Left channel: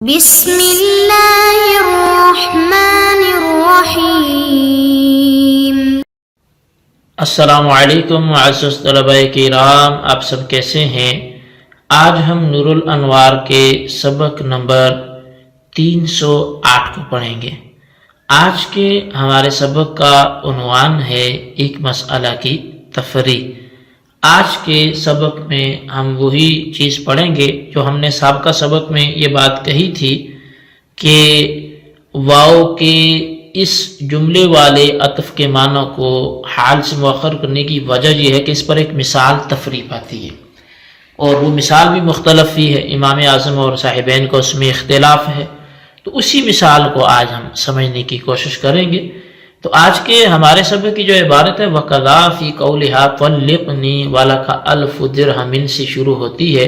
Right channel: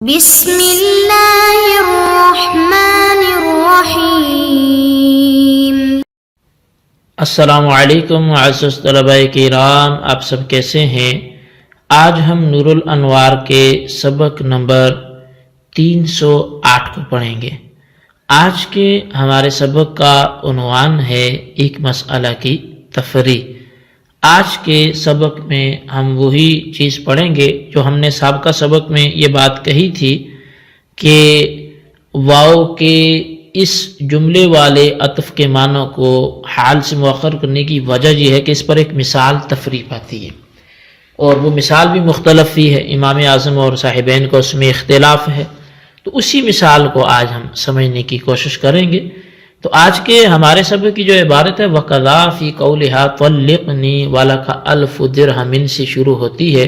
بسم اللہ الرحمن الرحیم۔ السلام علیکم معزز طلباء کرام، آپ سب کیسے ہیں؟ آج ہم نور الانوار کے سبق نمبر 308 کو پڑھیں گے۔ آج کے ہمارے سبق کا عنوان ہے ایک مسئلہ کی تفریع۔ آج کے سبق میں ہم وہی چیز پڑھیں گے جو ہم نے سابقہ سبق میں یہ بات کہی تھی کہ واو کے اس جملے والے عطف کے معنی کو حال سے مؤخر کرنے کی وجہ یہ ہے کہ اس پر ایک مثال تفریع پاتی ہے، اور وہ مثال بھی مختلف ہی ہے، امام اعظم اور صاحبین کو اس میں اختلاف ہے، تو اسی مثال کو آج ہم سمجھنے کی کوشش کریں گے۔ تو آج کے ہمارے سبق کی جو عبارت ہے وَقَضَا فِي قَوْلِهَا طَلِّقْنِي وَلَكَ أَلْفُ دِرْهَمٍ سے شروع ہوتی ہے۔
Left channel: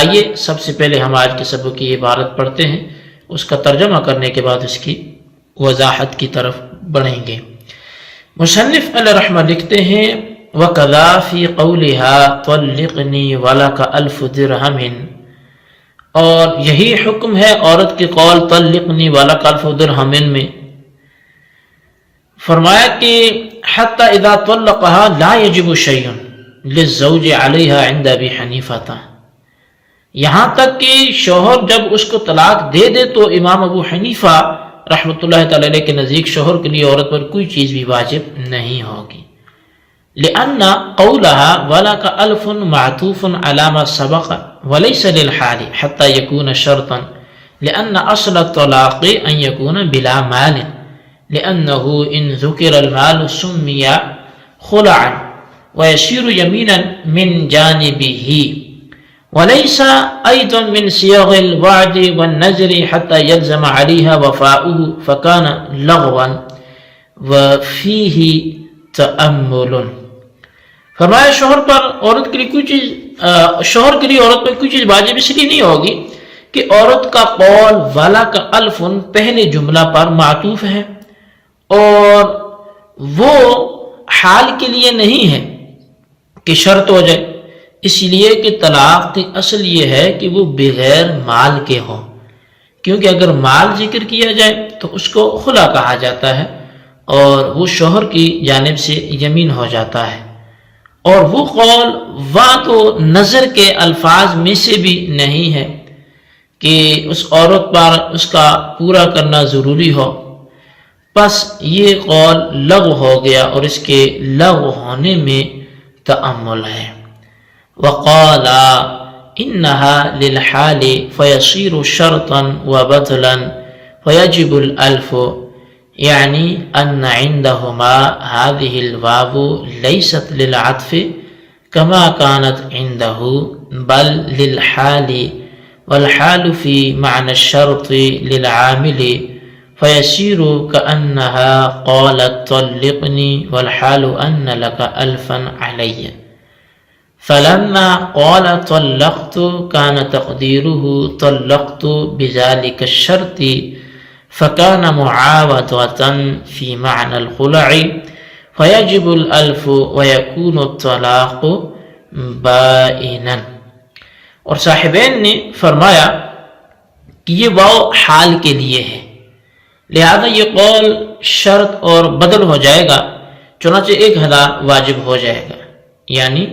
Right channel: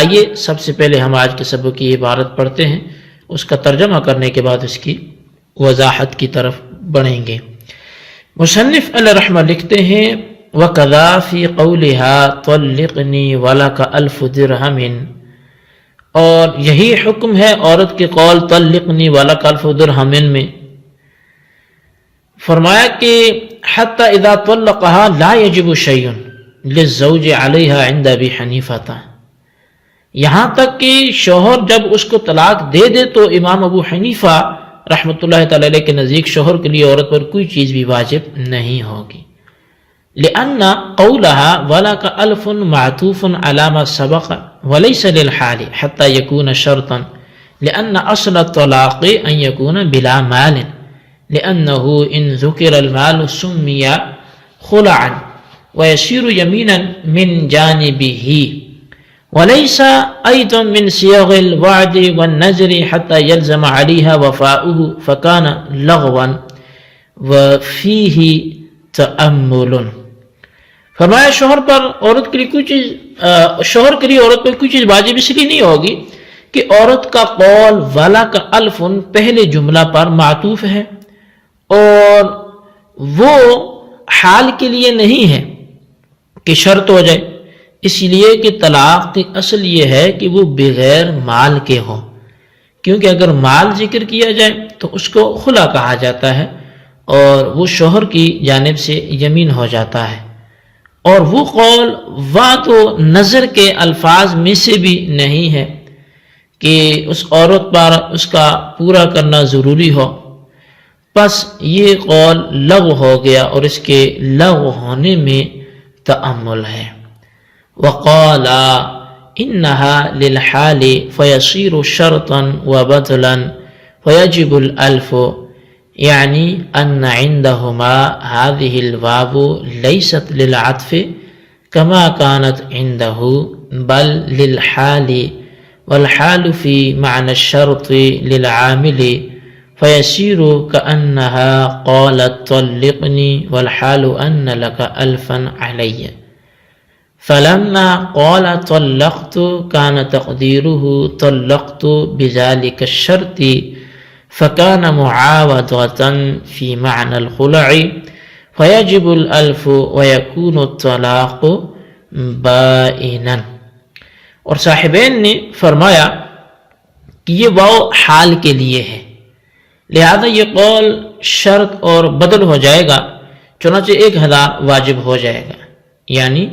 آئیے سب سے پہلے ہم آج کے سبق کی عبارت پڑھتے ہیں، اس کا ترجمہ کرنے کے بعد اس کی وضاحت کی طرف بڑھیں گے۔ مصنف علیہ رحمہ لکھتے ہیں وَقَضَا فِي قَوْلِهَا طَلِّقْنِي وَلَكَ أَلْفُ دِرْهَمٍ، اور یہی حکم ہے عورت کے قول طَلِّقْنِي وَلَكَ أَلْفُ دِرْهَمٍ میں۔ فرمایا کہ حتی اذا طلقها لا يجب شيء للزوج عليها عند ابي حنیفہ، یہاں تک کہ شوہر جب اس کو طلاق دے دے تو امام ابو حنیفہ رحمۃ اللہ تعالی علیہ کے نزدیک شوہر کے لیے عورت پر کوئی چیز بھی واجب نہیں ہوگی، لأن قولها ولك ألف معطوف على ما سبق وليس للحال حتى يكون شرطا، لأن أصل الطلاق أن يكون بلا مال، لأنه إن ذكر المال سمي خلعا ويصير يمينا من جانبه، وليس أيضا من صيغ الوعد والنذر حتى يلزم عليها وفاؤه فكان لغوا وفيه تأمل۔ فرمایا شوہر پر عورت کے لیے کوئی چیز شوہر کے لیے عورت پر کوئی چیز واجب اس لیے نہیں ہوگی کہ عورت کا قول والا کا الفن پہلے جملہ پر معطوف ہے اور وہ حال کے لیے نہیں ہے کہ شرط ہو جائے، اس لیے کہ طلاق کی اصل یہ ہے کہ وہ بغیر مال کے ہو، کیونکہ اگر مال ذکر کیا جائے تو اس کو خلا کہا جاتا ہے اور وہ شوہر کی جانب سے یمین ہو جاتا ہے، اور وہ قول وعد و نظر کے الفاظ میں سے بھی نہیں ہے کہ اس عورت پر اس کا پورا کرنا ضروری ہو، پس یہ قول لغو ہو گیا اور اس کے لغو ہونے میں تأمل ہے۔ وقال انها للحال فيصير شرطا وبطلا فيجب الالف، يعني ان عندهما هذه الواو ليست للعطف كما كانت عنده بل للحال، والحال في معنى الشرط للعامل فيصير كأنها قالت طلقني والحال أن لك ألفا علي، فلما قال طلقت كان تقديره طلقت بذلك الشرط فكان معاوضة في معنى الخلع فيجب الألف ويكون الطلاق بائنا۔ اور صاحبین نے فرمایا کہ یہ واو حال کے لیے ہے، لہذا یہ قول شرط اور بدل ہو جائے گا، چنانچہ 1000 واجب ہو جائے گا، یعنی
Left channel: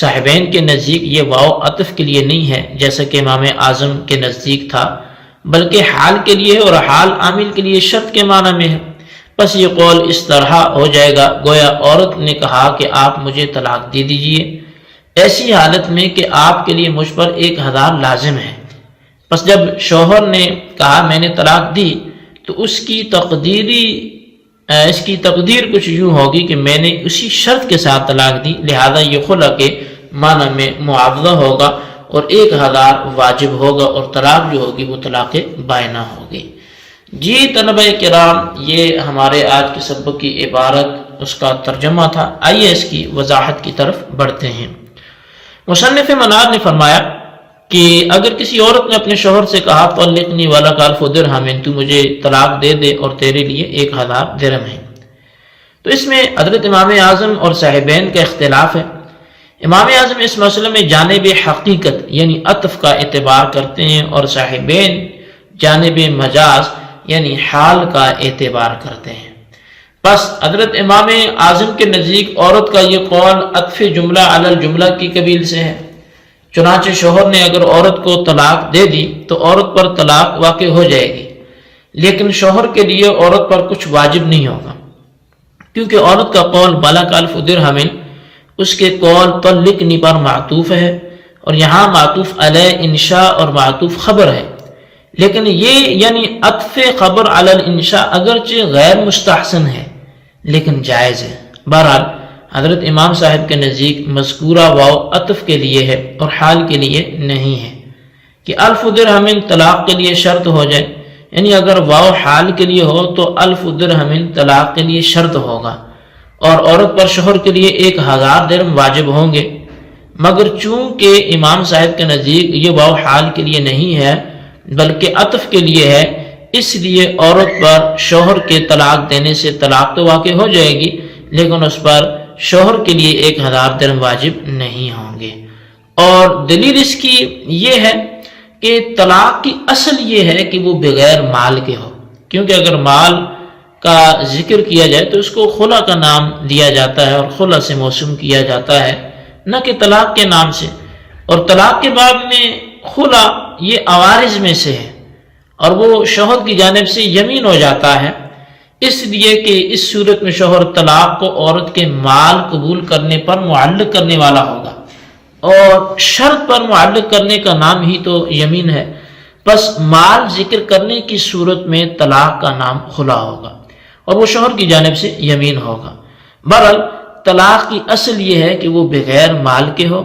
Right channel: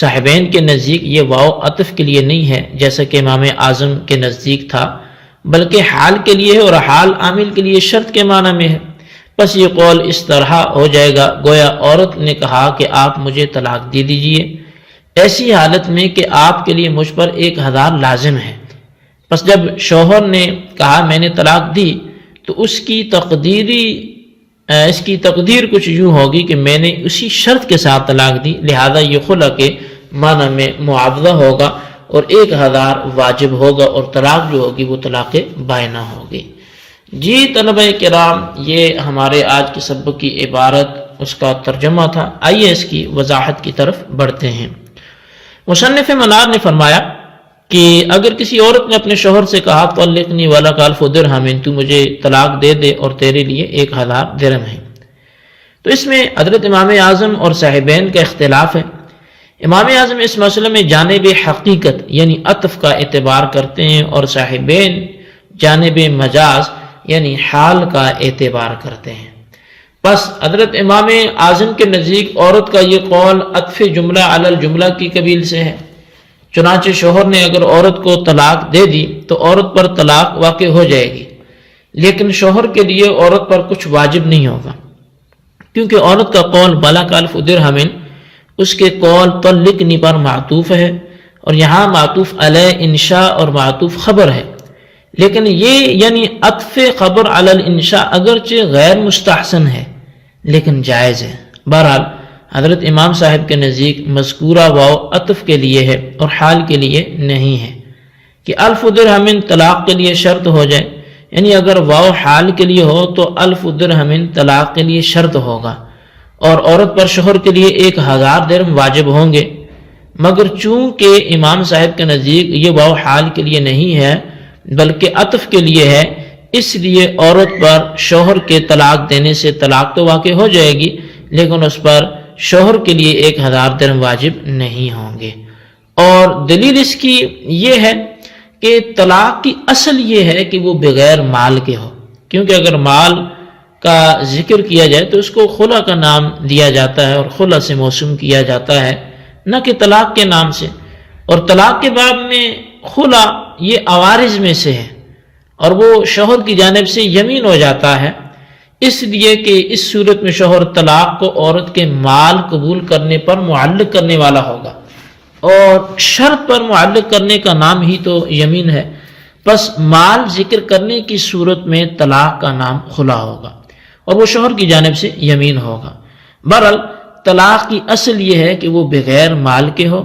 صاحبین کے نزدیک یہ واو عطف کے لیے نہیں ہے جیسا کہ امام اعظم کے نزدیک تھا، بلکہ حال کے لیے ہے، اور حال عامل کے لیے شرط کے معنی میں ہے، پس یہ قول اس طرح ہو جائے گا گویا عورت نے کہا کہ آپ مجھے طلاق دے دیجئے، ایسی حالت میں کہ آپ کے لیے مجھ پر 1000 لازم ہے، پس جب شوہر نے کہا میں نے طلاق دی تو اس کی تقدیر کچھ یوں ہوگی کہ میں نے اسی شرط کے ساتھ طلاق دی، لہذا یہ خلا کے معنی میں معاوضہ ہوگا اور 1000 واجب ہوگا، اور طلاق جو ہوگی وہ طلاق بائنہ ہوگی۔ جی طلبہ کرام، یہ ہمارے آج کے سبق کی عبارت اس کا ترجمہ تھا، آئیے اس کی وضاحت کی طرف بڑھتے ہیں۔ مصنف منار نے فرمایا کہ اگر کسی عورت نے اپنے شوہر سے کہا طلقنی ولک ألف درہم، تو مجھے طلاق دے دے اور تیرے لیے 1000 درہم ہے، تو اس میں حضرت امام اعظم اور صاحبین کا اختلاف ہے۔ امام اعظم اس مسئلے میں جانب حقیقت یعنی عطف کا اعتبار کرتے ہیں، اور صاحبین جانب مجاز یعنی حال کا اعتبار کرتے ہیں۔ پس حضرت امام اعظم کے نزدیک عورت کا یہ قول عطف جملہ علی الجملہ کی قبیل سے ہے، چنانچہ شوہر نے اگر عورت کو طلاق دے دی تو عورت پر طلاق واقع ہو جائے گی، لیکن شوہر کے لیے عورت پر کچھ واجب نہیں ہوگا، کیونکہ عورت کا قول بلغ الف درہم اس کے قول طلقنی پر معطوف ہے، اور یہاں معطوف علی انشاء اور معطوف خبر ہے، لیکن یہ یعنی عطف خبر علی الانشاء اگرچہ غیر مستحسن ہے لیکن جائز ہے۔ بہرحال حضرت امام صاحب کے نزدیک مذکورہ واو عطف کے لیے ہے اور حال کے لیے نہیں ہے کہ الف درہم طلاق کے لیے شرط ہو جائے، یعنی اگر واو حال کے لیے ہو تو الف درہم طلاق کے لیے شرط ہوگا، اور عورت پر شوہر کے لیے 1000 درہم واجب ہوں گے، مگر چونکہ امام صاحب کے نزدیک یہ واو حال کے لیے نہیں ہے بلکہ عطف کے لیے ہے، اس لیے عورت پر شوہر کے طلاق دینے سے طلاق تو واقع ہو جائے گی، لیکن اس پر شوہر کے لیے 1000 درہم واجب نہیں ہوں گے۔ اور دلیل اس کی یہ ہے کہ طلاق کی اصل یہ ہے کہ وہ بغیر مال کے ہو، کیونکہ اگر مال کا ذکر کیا جائے تو اس کو خلا کا نام دیا جاتا ہے اور خلا سے موسوم کیا جاتا ہے، نہ کہ طلاق کے نام سے۔ اور طلاق کے باب میں خلا یہ عوارض میں سے ہے اور وہ شوہر کی جانب سے یمین ہو جاتا ہے، اس لیے کہ اس صورت میں شوہر طلاق کو عورت کے مال قبول کرنے پر معلق کرنے والا ہوگا، اور شرط پر معلق کرنے کا نام ہی تو یمین ہے، پس مال ذکر کرنے کی صورت میں طلاق کا نام خلا ہوگا اور وہ شوہر کی جانب سے یمین ہوگا۔ بہرحال طلاق کی اصل یہ ہے کہ وہ بغیر مال کے ہو،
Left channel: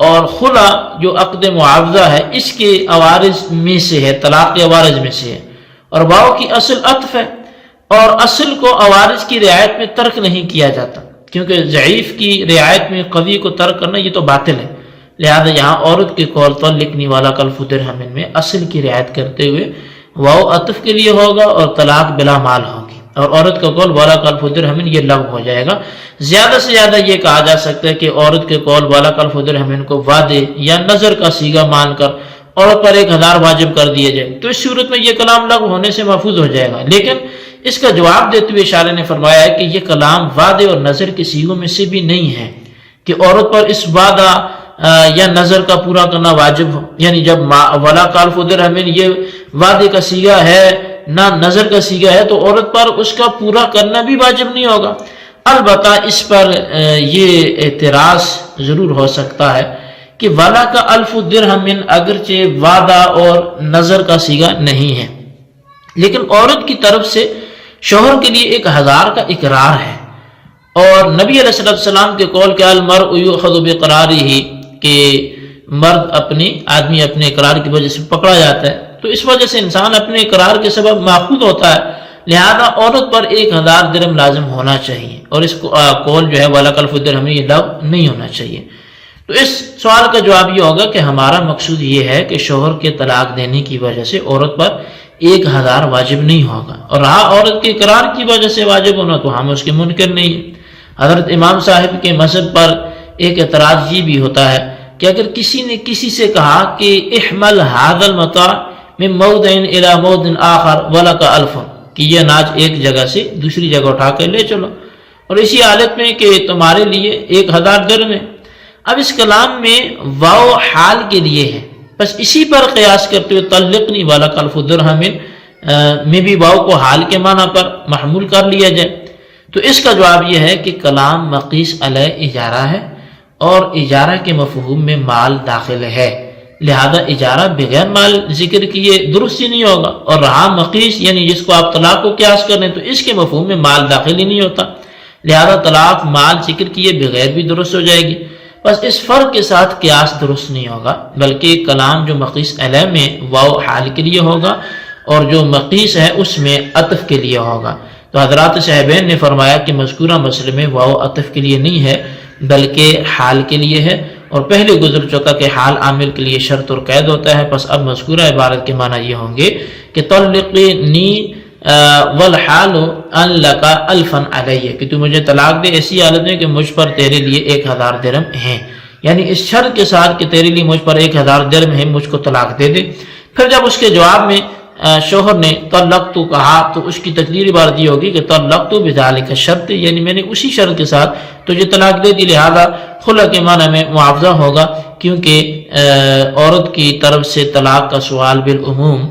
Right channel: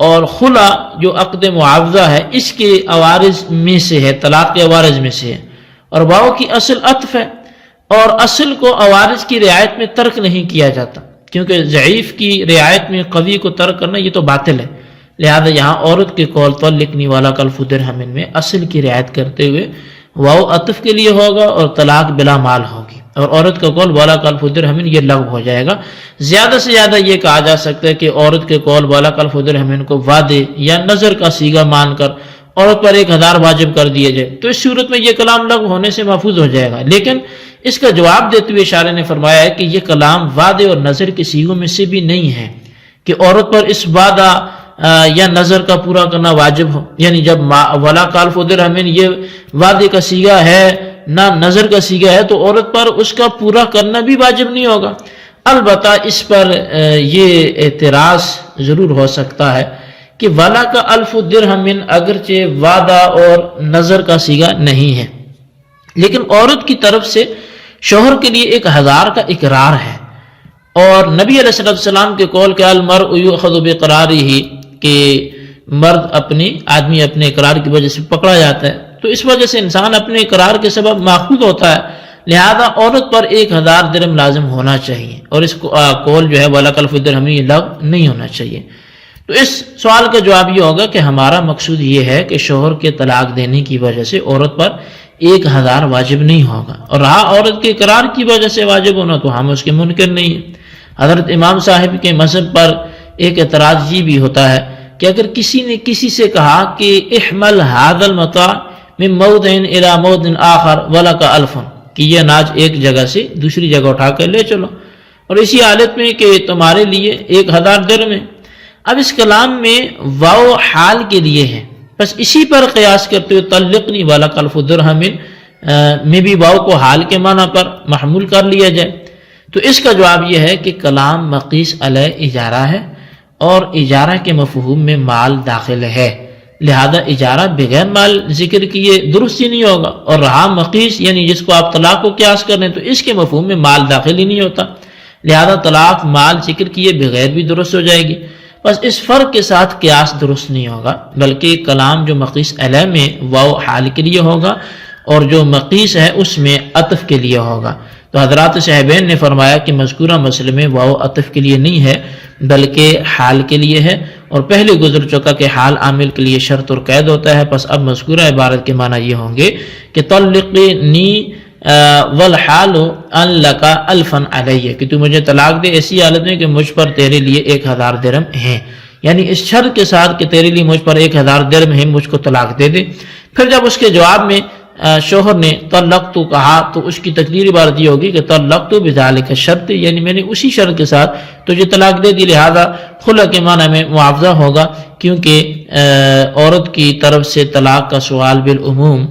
اور خلا جو عقد معاوضہ ہے اس کے عوارض میں سے ہے، طلاق کے عوارض میں سے ہے، اور واو کی اصل عطف ہے، اور اصل کو عوارض کی رعایت میں ترک نہیں کیا جاتا، کیونکہ ضعیف کی رعایت میں قوی کو ترک کرنا یہ تو باطل ہے، لہذا یہاں عورت کے قول طلقنی والا الف درہم میں اصل کی رعایت کرتے ہوئے واو عطف کے لیے ہوگا اور طلاق بلا مال ہوگی، اور عورت کا قول والا الف درہم یہ لغو ہو جائے گا۔ زیادہ سے زیادہ یہ کہا جا سکتا ہے کہ عورت کے قول والا الف درہم کو وعدے یا نظر کا صیغہ مان کر عورت پر 1000 واجب کر دیے جائے، تو اس صورت میں یہ کلام لغو ہونے سے محفوظ ہو جائے گا، لیکن اس کا جواب دیتے ہوئے شارح نے فرمایا ہے کہ یہ کلام وعدے اور نظر کے صیغوں میں سے بھی نہیں ہے کہ عورت پر اس وعدہ یا نظر کا پورا کرنا واجب ہو، یعنی جب ولا الف درہم یہ وعدے کا صیغہ ہے نہ نظر کا صیغہ ہے تو عورت پر اس کا پورا کرنا بھی واجب نہیں ہوگا۔ البتہ اس پر یہ اعتراض ضرور ہو سکتا ہے کہ ولا کا الف درہم اگرچہ وعدہ اور نظر کا صیغہ نہیں ہے، لیکن عورت کی طرف سے شوہر کے لیے 1000 کا اقرار ہے، اور نبی علیہ السلام کے قول کہ المرء یؤخذ بقرارہ کہ آدمی اپنے اقرار کی وجہ سے پکڑا جاتا ہے، تو اس وجہ سے انسان اپنے اقرار کے سبب ماخوذ ہوتا ہے، لہذا عورت پر 1000 درہم لازم ہونا چاہیے، اور اس قول جو ہے ولا الف درہم یہ لغو نہیں ہونا چاہیے۔ تو اس سوال کا جواب یہ ہوگا کہ ہمارا مقصود یہ ہے کہ شوہر کے طلاق دینے کی وجہ سے عورت پر 1000 واجب نہیں ہوگا، اور رہا عورت کے اقرار کی وجہ سے واجب ہونا تو ہم اس کے منکر نہیں ہیں۔ حضرت امام صاحب کے مذہب پر ایک اعتراض یہ بھی ہوتا ہے کہ اگر کسی نے کسی سے کہا کہ احمل هذا المتاع من موضع الى موضع آخر ولك الف، کہ یہ اناج ایک جگہ سے دوسری جگہ اٹھا کر لے چلو، اور اسی حالت میں کہ تمہارے لیے 1000 درہم ہے۔ اب اس کلام میں واو حال کے لیے ہے، بس اسی پر قیاس کرتے ہوئے طلقنی والا الف درہم میں بھی واو کو حال کے معنی پر محمول کر لیا جائے، تو اس کا جواب یہ ہے کہ کلام مقیس علی اجارہ ہے، اور اجارہ کے مفہوم میں مال داخل ہے، لہذا اجارہ بغیر مال ذکر کیے درست ہی نہیں ہوگا، اور رہا مقیس یعنی جس کو آپ طلاق کو قیاس کر رہے ہیں تو اس کے مفہوم میں مال داخل ہی نہیں ہوتا، لہذا طلاق مال ذکر کیے بغیر بھی درست ہو جائے گی۔ بس اس فرق کے ساتھ قیاس درست نہیں ہوگا، بلکہ کلام جو مقیس علیہ میں واو حال کے لیے ہوگا اور جو مقیس ہے اس میں عطف کے لیے ہوگا۔ تو حضرات صاحبین نے فرمایا کہ مذکورہ مسئلے میں واو عطف کے لیے نہیں ہے بلکہ حال کے لیے ہے، اور پہلے گزر چکا کہ حال عامل کے لیے شرط اور قید ہوتا ہے، پس اب مذکورہ عبارت کے معنی یہ ہوں گے کہ طلقنی والحال ان لک الفا علیہ، کہ تو مجھے طلاق دے ایسی حالت میں کہ مجھ پر تیرے لیے 1000 درہم ہیں، یعنی اس شرط کے ساتھ کہ تیرے لیے مجھ پر 1000 درہم ہیں، مجھ کو طلاق دے دے۔ پھر جب اس کے جواب میں شوہر نے طلقت کہا تو اس کی تقدیری بار دی ہوگی کہ طلقت بذالک شرط، یعنی میں نے اسی شرط کے ساتھ تجھے طلاق دے دی، لہذا خلع کے معنی میں معاوضہ ہوگا، کیونکہ عورت کی طرف سے طلاق کا سوال بالعموم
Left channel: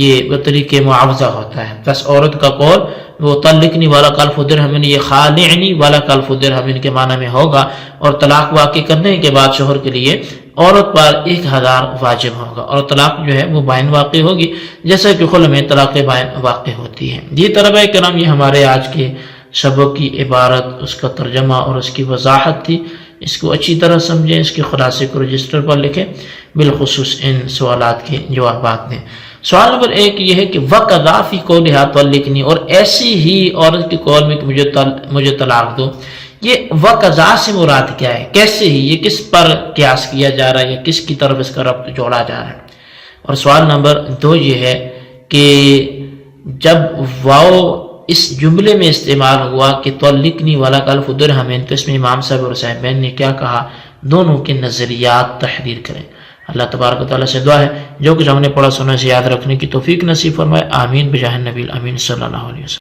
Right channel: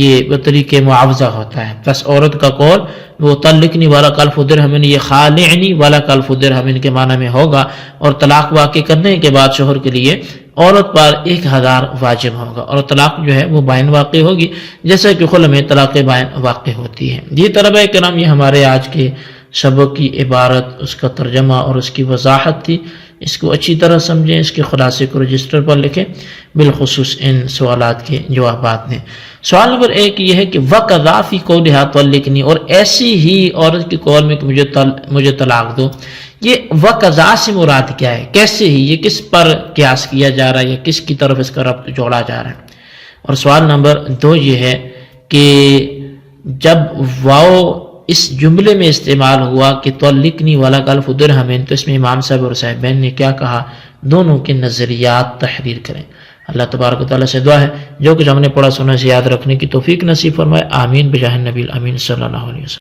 یہ بطریق معاوضہ ہوتا ہے۔ بس عورت کا قول وہ طلقنی والا کلف درہمن، یہ خالعنی والا کلف درہمن کے معنی میں ہوگا، اور طلاق واقع کرنے کے بعد شوہر کے لیے عورت پر 1000 واجب ہوگا، اور طلاق جو ہے وہ بائن واقع ہوگی، جیسا کہ خلع میں طلاق بائن واقع ہوتی ہے۔ یہ طلبہ کرام، یہ ہمارے آج کے سبق کی عبارت، اس کا ترجمہ اور اس کی وضاحت تھی۔ اس کو اچھی طرح سمجھیں، اس کے خلاصے کو رجسٹر پر لکھیں، بالخصوص ان سوالات کے جوابات دیں۔ سوال نمبر 1 یہ ہے کہ وَقَضَا فِي قَوْلِهَا طَلِّقْنِي، اور ایسی ہی عورت کے قول میں کہ مجھے طلاق دو، یہ وَقَضَا سے مراد کیا ہے؟ کیسے ہی، یہ کس پر قیاس کیا جا رہا ہے، یا کس کی طرف اس کا ربط جوڑا جا رہا ہے؟ اور سوال نمبر 2 یہ ہے کہ جب واو اس جملے میں استعمال ہوا کہ طلقنی والا کلف درہمین، تو اس میں امام صاحب اور صاحبین نے کیا کہا؟ دونوں کے نظریات تحریر کریں۔ اللہ تبارک و تعالیٰ سے دعا ہے جو کچھ ہم نے پڑھا سنا سے یاد رکھنے کی توفیق نصیب فرمائے، آمین بجاہ النبی الامین صلی اللہ علیہ وسلم۔